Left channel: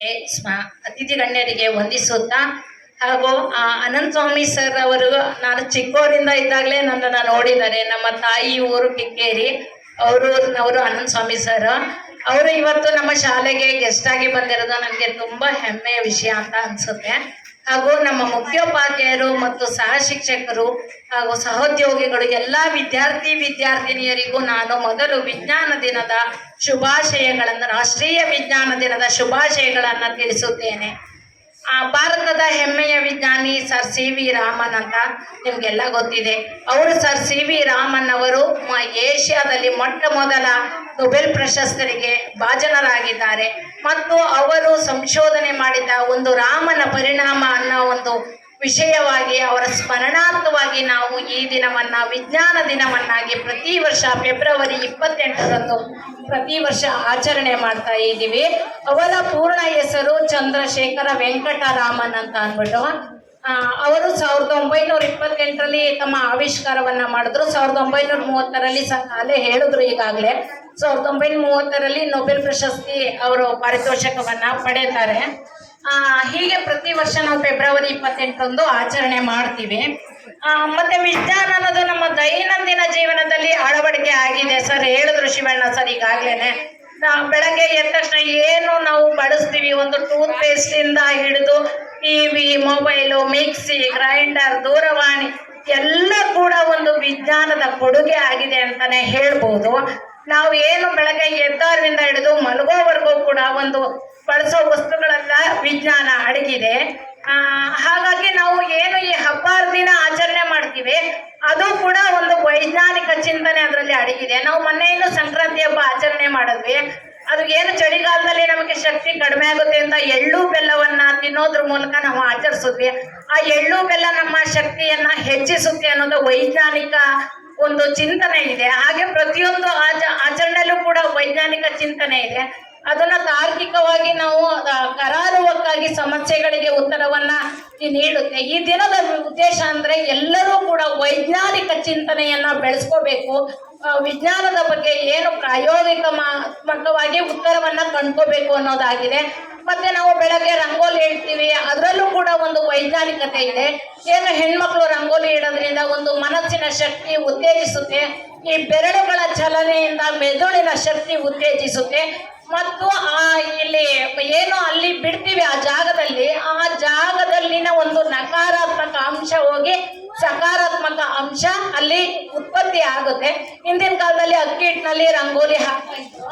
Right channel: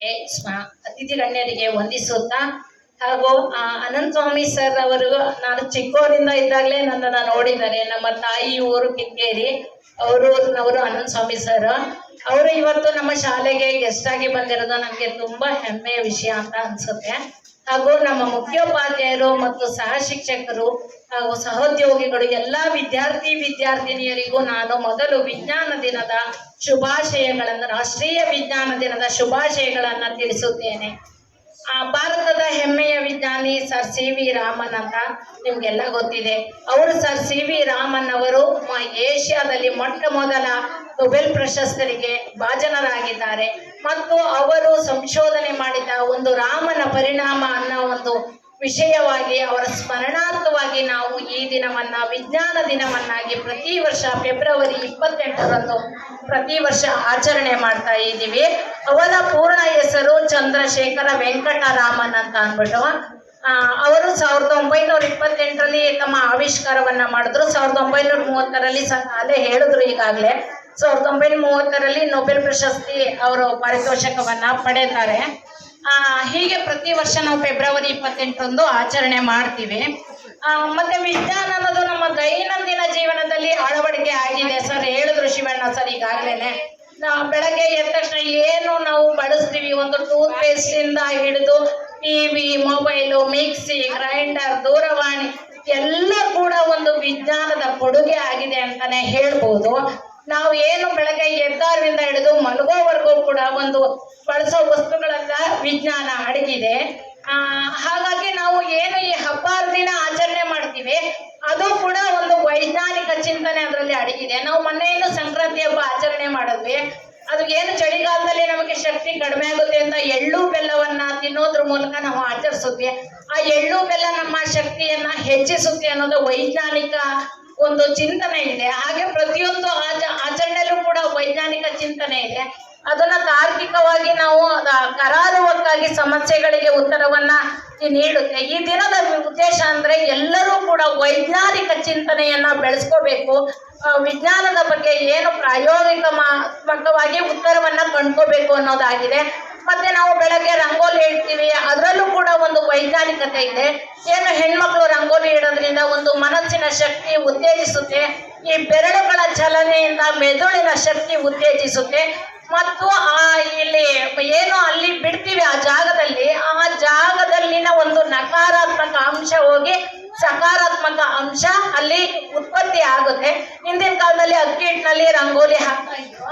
ಅತಿಥಿ ಗಣ್ಯರಿಗೆ ವಂದಿಸುತ್ತಾ ಹಾಗೂ ಅನಂತ ಸ್ವಾಮಿ ಸರ್ ಅವರು ನಾನು ಚಿಕ್ಕವರಿಂದ ಇದ್ದಾಗಲೇ ನನ್ನನ್ನು ನೋಡಿದ್ದಾರೆ. ನಮ್ಮ ತಾಯಿ ಊರು ಕಿಕ್ಕೇರಿ, ಅವರು ಅನಂತ ಸ್ವಾಮಿ ಸರ್ ಅವರು ಇವತ್ತು ನಮ್ಮ ಶಾಲೆಗೆ ಗೆಸ್ಟ್ ಆಗಿ ಬಂದಿರೋದು ನನಗೆ ತುಂಬ ಹೆಮ್ಮೆಯ ವಿಷಯ ಅಂತ ಅನಿಸುತ್ತೆ. ಹಾಗೂ ನಮ್ಮ ಮುಖ್ಯೋಪಾಧ್ಯಾಯರು ಮತ್ತು ಸಹ ಶಿಕ್ಷಕರು ಹಾಗೂ ಸಹೋದ್ಯೋಗಿಗಳು ಎಲ್ಲ ವಿದ್ಯಾರ್ಥಿನಿಯರಿಗೂ ನಾನು ಮೊದಲು ವಿಜ್ಞಾನ ದಿನದ ಶುಭಾಶಯಗಳನ್ನು, ರಾಷ್ಟ್ರೀಯ ವಿಜ್ಞಾನ ದಿನದ ಶುಭಾಶಯಗಳನ್ನು ತಿಳಿಸುತ್ತೇನೆ. ಭಾರತದ ಹೆಮ್ಮೆಯ ವಿಜ್ಞಾನಿ ಸರ್ ಸಿ ವಿ ರಾಮನ್ ಅಂತ ನಿಮಗೆಲ್ಲ ಗೊತ್ತಿದೆ. ಅವರು ಸರ್ ಸಿ ವಿ ರಾಮನ್ ಅವರು ಏಷ್ಯಾದಲ್ಲಿ ಮೊಟ್ಟ ಮೊದಲ ನೊಬೆಲ್ ಪ್ರಶಸ್ತಿಗೆ ಭಾಜನರಾಗಿದ್ದಾರೆ. ಮತ್ತು ಅವರು ಸಂಶೋಧನೆ ಮಾಡಿದ ಒಂದು ರಾಮನ ಪರಿಣಾಮ ಅನ್ನೋ ಒಂದು ವಿಷಯವಾಗಿ ಅವರ ಸ್ಮರಣಾರ್ಥವಾಗಿ ನಾವು ಈ ದಿನವನ್ನು ವಿಜ್ಞಾನ ದಿನವನ್ನಾಗಿ ಪ್ರತಿ ವರ್ಷ ಫೆಬ್ರವರಿ 28ರಂದು ಪ್ರತಿ ವರ್ಷ ಆಚರಣೆ ಮಾಡ್ತಾ ಇದ್ದೀವಿ. ಅವರ ಪೂರ್ಣ ಹೆಸರು ಚಂದ್ರಶೇಖರ ವೆಂಕಟರಾಮನ್ ಅಂತ ಅಂದ್ಬಿಟ್ಟು ಅವರು 1928ರಲ್ಲಿ ತಮ್ಮ ಆವಿಷ್ಕಾರವನ್ನು ಮಾಡಿದ್ರು. 1930ರಲ್ಲಿ ಅಲ್ಲೇ ಹೇಳಿದ್ರು, ಈಗಾಗಲೇ 1930ರಲ್ಲಿ ನೊಬೆಲ್ ಪ್ರಶಸ್ತಿ ಅವರು ಪಾರಿತೋಷಕವನ್ನು ಪಡೆಯುತ್ತಾರೆ. ಹೀಗೆ ಪ್ರತಿ ವರ್ಷ ನಾವು ಫೆಬ್ರವರಿ 28 ಆಚರಣೆ ಮಾಡ್ತೀವಿ. ಮತ್ತೆ ವಿಜ್ಞಾನ ಅನ್ನೋದು ನಮ್ಮ ದೈನಂದಿನ ಜೀವನದಲ್ಲಿ ಅಳವಡಿಕೆ ಆಗಿದೆ. ಸರ್ ಹೇಳಿದ್ರು, ಶಿವಣ್ಣ ಸರ್ ಈಗಾಗಲೇ ನಾವು ಬೆಳಗ್ಗೆ ಎದ್ದ ತಕ್ಷಣ ಏನು ನಾವು ಬಳಸ್ತೀವಿ, ಒಂದು ಟೂತ್ ಪೇಸ್ಟಿಂದ ಹಿಡಿದು ಟಿವಿ, ಮೊಬೈಲು, ಮಿಕ್ಸಿ, ಗ್ರೈಂಡರ್, ದೂರವಾಣಿ ಎಲ್ಲ ಕೂಡ ಒಂದು ವಿಜ್ಞಾನದ ಕೊಡುಗೆ ಆಗಿದೆ ಅಂತಾನೆ ಹೇಳ್ಬೋದು. ನಾವು ಏನು ಬೆಳಗ್ಗೆ ಎದ್ದಾರಿಂದ ಹಿಡಿದು ಮಲಗೋವರೆಗೂ ಕೂಡ ಒಂದು ಬಳಸೋ ವಸ್ತುಗಳೆಲ್ಲ ವಿಜ್ಞಾನ ಅಡಗಿದೆ. ಹಾಗಾಗಿ ನಾವು ಏನು ಈ ಹಬ್ಬದ ದಿನ ಆಚರಣೆ ಮಾಡ್ತೀವಿ ಅದು ಕೂಡ ಒಂದು ವೈಜ್ಞಾನಿಕ ಚಿಂತನೆ ಅದರಲ್ಲಿ ಅಡಗಿದೆ. ನಾವು ಮೊನ್ನೆಯಿಂದ ಸಂಕ್ರಾಂತಿ ಹಬ್ಬ ಆಚರಣೆ ಮಾಡಿದ್ವಿ. ಅದು ಏನು ಚಳಿಗಾಲದಲ್ಲಿ ನಮಗೆ ಶಕ್ತಿ ಕಡಿಮೆ ಆಗುತ್ತೆ ಅಂತ ಎಳ್ಳು ಬೆಲ್ಲವನ್ನ ತಿನ್ನೋದ್ರ ಮೂಲಕ ನಾವು ಆಚರಿಸಿದ್ವಿ. ಆ ಎಳ್ಳು ಬೆಲ್ಲ ನಮ್ಮ ಶಕ್ತಿಯನ್ನ ಹೆಚ್ಚಿಸುತ್ತೆ ಅನ್ನೋದು ವೈಜ್ಞಾನಿಕ ಒಂದು ಚಿಂತನೆ ಇದೆ. ಹಾಗೆ ಪ್ರತಿಯೊಂದು ಆಚರಣೆಯಲ್ಲೂ ಕೂಡ ವೈಜ್ಞಾನಿಕ ಚಿಂತನೆ ಇದೆ. ಅದನ್ನ ತಾರ್ಕಿಕವಾಗಿ ನಾವು ಕರಾರುವಕ್ಕಾಗಿ ಸಮಸ್ಯೆಗಳಿಗೆ ಉತ್ತರವನ್ನ ನೀಡುತ್ತೆ. ಈ ದಿನದ ಉದ್ದೇಶ ಅಂದ್ರೆ ಎಲ್ಲರೂ ಕೂಡ ವೈಜ್ಞಾನಿಕ ಚಿಂತನೆಯನ್ನ ಬೆಳೆಸ್ಕೋಬೇಕು. ವಿಜ್ಞಾನದ ಬಗ್ಗೆ ಏನು ಪ್ರಾಯೋಗಿಕವಾಗಿ ಉತ್ತರವನ್ನ ಕಂಡ್ಕೋಬೇಕು ಅನ್ನೋದಾಗಿದೆ. ಮತ್ತೆ ನಾವು ಬೆಳಗ್ಗೆ ರಂಗೋಲಿ ಇಡ್ತೀವಿ, ಅದರಲ್ಲೂ ಕೂಡ ಒಂದು ವೈಜ್ಞಾನಿಕತೆ ಇದೆ. ಏನು ಹೆಣ್ಮಕ್ಳು ರಂಗೋಲಿ ಇಡೋದ್ರಿಂದ ಒಂದು ಮನಸ್ಸಿನ ಶಕ್ತಿ ಉತ್ತೇಜಿಸುತ್ತೆ. ಈ ಬೆರಳುಗಳ ಚಲನೆಯಿಂದ ಮೆದುಳಿನ ಶಕ್ತಿ ಉತ್ತೇಜಿಸುತ್ತೆ. ಮತ್ತು ಇಲ್ಲಿ ಏನು ಅಲ್ಲಿ ಬಿಡ್ತೀವಿ ಆ ಜಾಗದಲ್ಲಿನ ಒಂದು ನಕಾರಾತ್ಮಕ ಅಂಶ ಹೋಗಿ ಸಕಾರಾತ್ಮಕ ಅಂಶ ಅಲ್ಲಿ ಉತ್ಪತ್ತಿ ಆಗುತ್ತೆ. ಹಿಂದಿನ ಕಾಲದಲ್ಲಿ ಅಕ್ಕಿ ಹಿಟ್ಟಿನಲ್ಲಿ ರಂಗೋಲಿ ಹಾಕ್ತಾ ಇದ್ರು.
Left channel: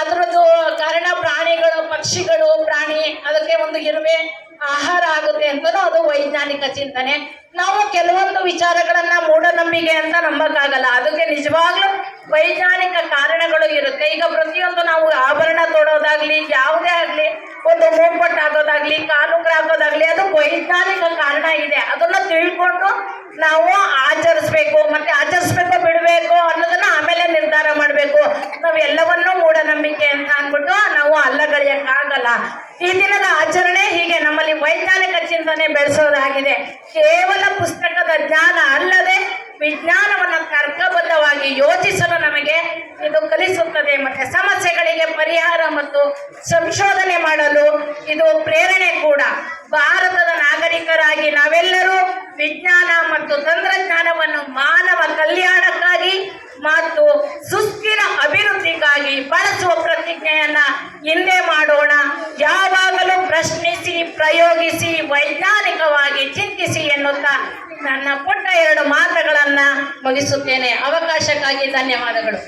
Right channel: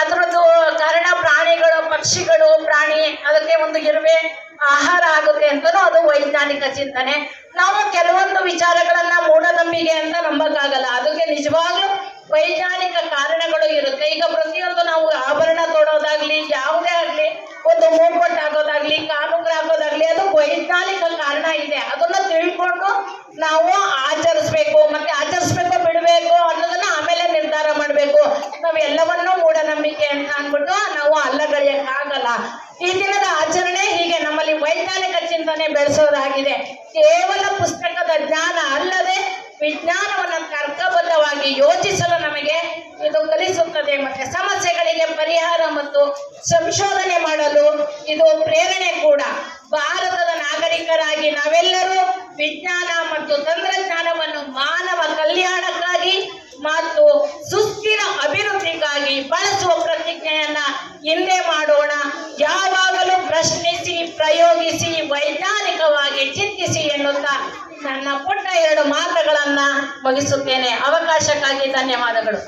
ಅದರದ್ದು ಕಾರಣ ಪ್ರಾಣಿಗಳು, ಪಕ್ಷಿಗಳು, ಪ್ರಾಣಿ ಅದಕ್ಕೆ ಒಂದು ಇರುವೆ ಆಹಾರ ಆಗುತ್ತೆ ಅಂತಲೂ ಅದು ವೈಜ್ಞಾನಿಕ ಚಿಂತನೆ. ನಾವು ಕೆಲವೊಂದು ವಿಚಾರಗಳನ್ನ ಮೂಢನಂಬಿಕೆ ಅಂತ ನಂಬಕ್ಕಾಗಲ್ಲ, ಅದಕ್ಕೆ ನಿಜವಾಗ್ಲೂ ವೈಜ್ಞಾನಿಕ ಕಾರಣಗಳು ಇರುತ್ತೆ. ಈಗ ಪ್ರತಿಯೊಂದು ನಾವು ಆಭರಣ ತೊಡೋದಾಗ್ಲಿ, ಯಾವುದೇ ಆಗ್ಲಿ, ಒಂದು ಮೂಗ್ಬಟ್ಟು ಹಾಕೋದಾಗ್ಲಿ, ಕಾಲುಂಗ್ರ ಹಾಕೋದಾಗ್ಲಿ, ಅದು ವೈಜ್ಞಾನಿಕ ಕಾರಣ ಇದೆ. ಅದನ್ನ ತಿಳ್ಕೊಂಡು ನಾವು ಆಚರಿಸ್ಬೇಕು. ಮತ್ತೆ ಆಚರಿಸ್ಬೇಕು ಬಿಡಬೇಕು ಅನ್ನೋದನ್ನ ಆಮೇಲೆ ನಿರ್ಧಾರ ಮಾಡಬೇಕು. ನಾವೆಲ್ಲವನ್ನೂ ಮೂಢನಂಬಿಕೆ ಅಂತ ಅಂದ್ಬಿಟ್ಟು ನಾವು ಅಲ್ಲಗಳೆಯಕ್ಕಾಗಲ್ಲ. ಈ ದಿನದ ಆಚರಣೆ ಹೀಗೆ ನಮ್ಮಲ್ಲಿ ವೈಜ್ಞಾನಿಕ ಚಿಂತನೆ ಬೆಳೆಸೋದಾಗಿದೆ. ಕೇವಲ ಪುಸ್ತಕದ ಜ್ಞಾನ ಅಲ್ಲದೆ ವಿಜ್ಞಾನವನ್ನು ತರ್ಕಬದ್ಧವಾಗಿ ಯೋಚಿಸಲು ನಮಗೆ ಇದು ಕಲಿಸುತ್ತದೆ. ಮತ್ತೆ ಸಮಸ್ಯೆಗಳಿಗೆ ಪರಿಹಾರ ಮತ್ತು ಸಂಶೋಧನೆ ಮಾಡಲು ಇದು ಪ್ರೇರಣೆ ಕೂಡ. ಭಾರತದ ನಾಗರಿಕರಾಗಿ ನಾವೆಲ್ಲರೂ ವಿಜ್ಞಾನ ಮತ್ತು ತಂತ್ರಜ್ಞಾನವನ್ನು ಮಾನವ ಕಲ್ಯಾಣಕ್ಕಾಗಿ ಮತ್ತು ಸುಸ್ಥಿರ ಅಭಿವೃದ್ಧಿಗಾಗಿ ಬಳಸುವ ಪ್ರತಿಜ್ಞೆಯನ್ನ ಹಿಂದೆ ಮಾಡೋಣ. ಯಾವಾಗಲೂ ಪ್ರಶ್ನಿಸಿ, ಪ್ರಯೋಗಿಸಿ, ವೈಜ್ಞಾನಿಕವಾಗಿ ಚಿಂತಿಸಿ ಎನ್ನುತ್ತಾ ನನ್ನ ಪುಟ್ಟ 2 ಮಾತುಗಳನ್ನ ಮುಗಿಸುತ್ತೇನೆ. ಅವಕಾಶಕ್ಕಾಗಿ ಧನ್ಯವಾದಗಳು.